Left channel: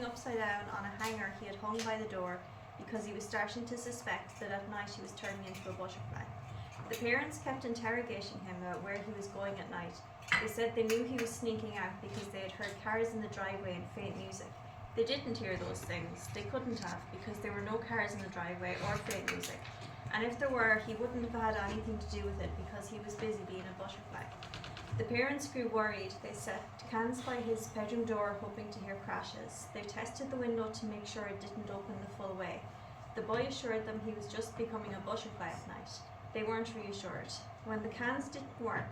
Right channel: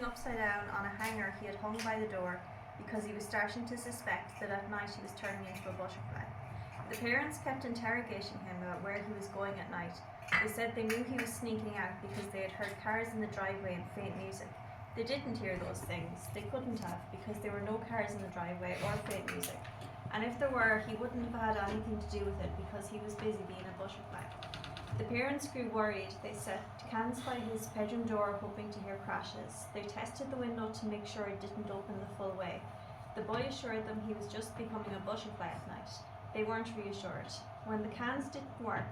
hanging upside down on a hanger he had hung by the door because he was starting to suspect that at night he was turning into a butterfly. The parents kept interrogating him about where he was going at night. They said they knew he was sneaking out because they had heard cars in the driveway and faint music. They didn't hear those things. They couldn't have, because there were no cars in the driveway or faint music. And if there were, he wouldn't have had anything to do with it because he was busy being a butterfly. The parents grew worried. They set cans by his bedroom door hoping to hear crashes. They tested the window to make sure it didn't open the full way. The boy assured them he was just becoming a butterfly at night. They weren't reassured. When the cans didn't work,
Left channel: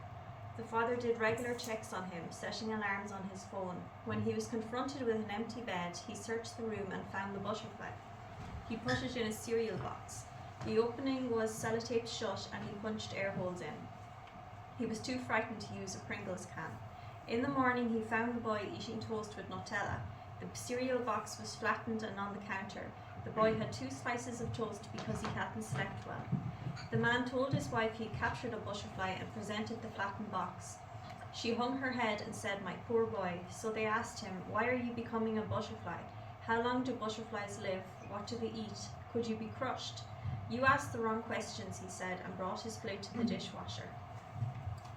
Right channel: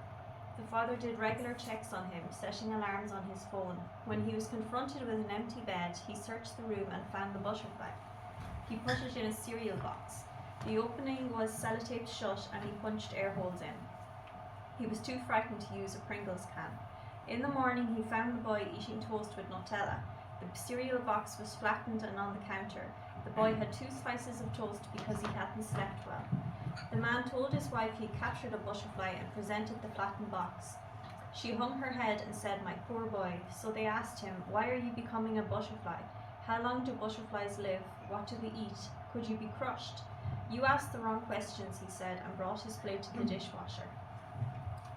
the father did regular checks on him, setting alarms on his phone. When he was confronted with an empty bed, he searched the room and found the butterfly. He put it in a cereal box. The opening was sellotaped shut and he punched air holes in. He was too frightened to use a Pringles can. In the morning, he found the boy eating toast with Nutella. The cereal box was flattened and on the counter. The boy had 2 slices of toast because he hadn't slept well. The man told his wife he'd captured a butterfly and presented the flattened box. She hung her head and said, "My poor boy." So they asked him, "Why are you becoming a butterfly? How long do butterflies live? What do they eat? Could you be crushed?" "You asked the wrong questions," he said, and brought his plate to the dishwasher.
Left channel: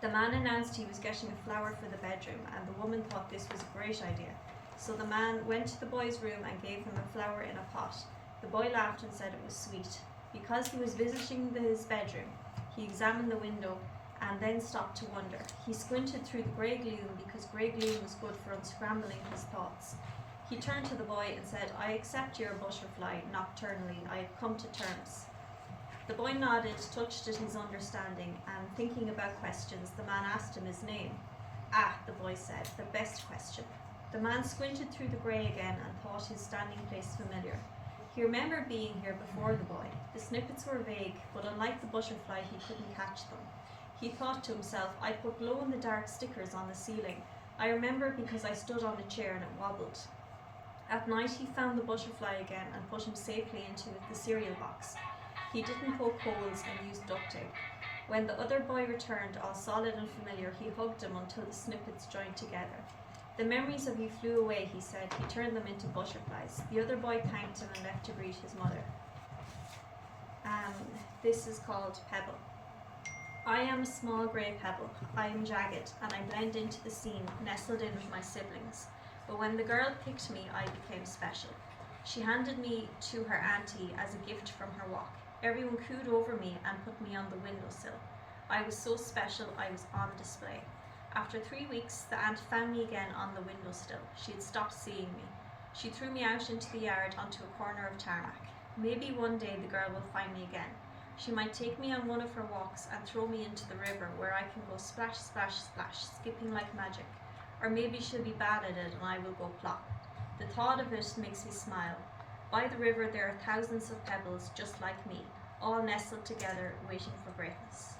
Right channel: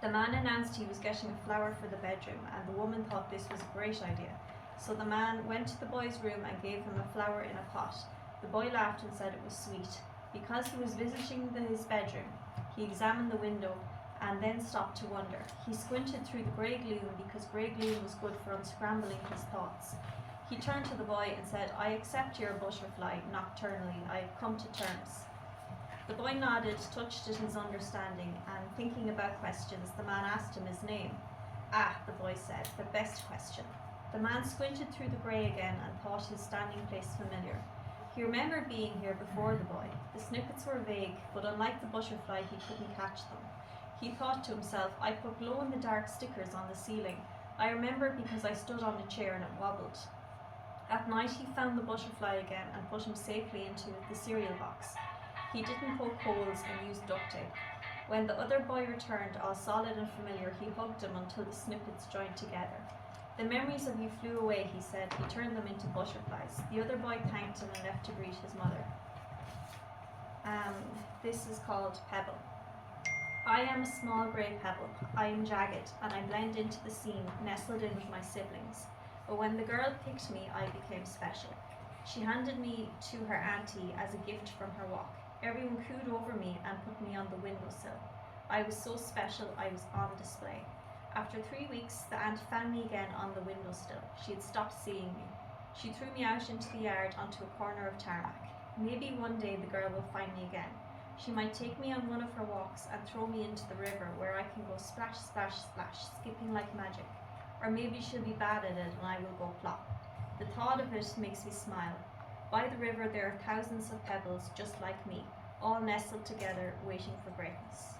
The man announced he was getting a flower for the bedroom, and the woman thought this was a great idea. So the man went to the boy's room and gave him a flower in a pot. The boy laughed and said it was sweet. Because he was visiting his bedroom, he examined the window and then stopped to wonder. He squinted through the grey gloom because grey gloom was good for unscrambling his thoughts. He turned to the boy and said, "I accept you're a butterfly nocturnally. I have come to terms." The boy nodded, touched at his understanding, and thinking about questions, the man asked him his name. "Ah," the boy said, "the best question." The man squinted through the grey again and thought his standing place familiar. He remembered being here before the boy. The snippets were vague, but unlike the butterfly, he couldn't catch them. He thought to himself, "I put glow-in-the-dark stickers on the ceiling. I remember because I stood on a chair and it wobbled." At night, he found the butterfly again and put him safely into the cereal box. He didn't poke holes and used duct tape. When the other boy returned, all solid and familiar, he hugged him until the snippets joined together. "The memories of you flew away," he said. He turned them into butterflies. The other boy thanked him and left to greet his mother. This is called Pebble. I am a small grey pebble. I am jagged, and I blend into the scene, nestled in with my siblings. But when the girl picked me, I became special. She handed me to her auntie as a gift from her walk. Everyone cooed over me and put me on the windowsill. I was so special, I was on display. After 3 weeks, the aunt found me again on the windowsill. She had stopped seeing me. She threw me out into the yard onto a corner of tarmac. Maybe one day the girl will find me again. She might take me on one of her walks and throw me into the river where I can go splash, splash, splash, skipping like magic. Or maybe she'll be bad at it and I will go plop. The thought of it makes me smile. By the river there are thousands of pebbles just like me, all nestled together, waiting for greatness.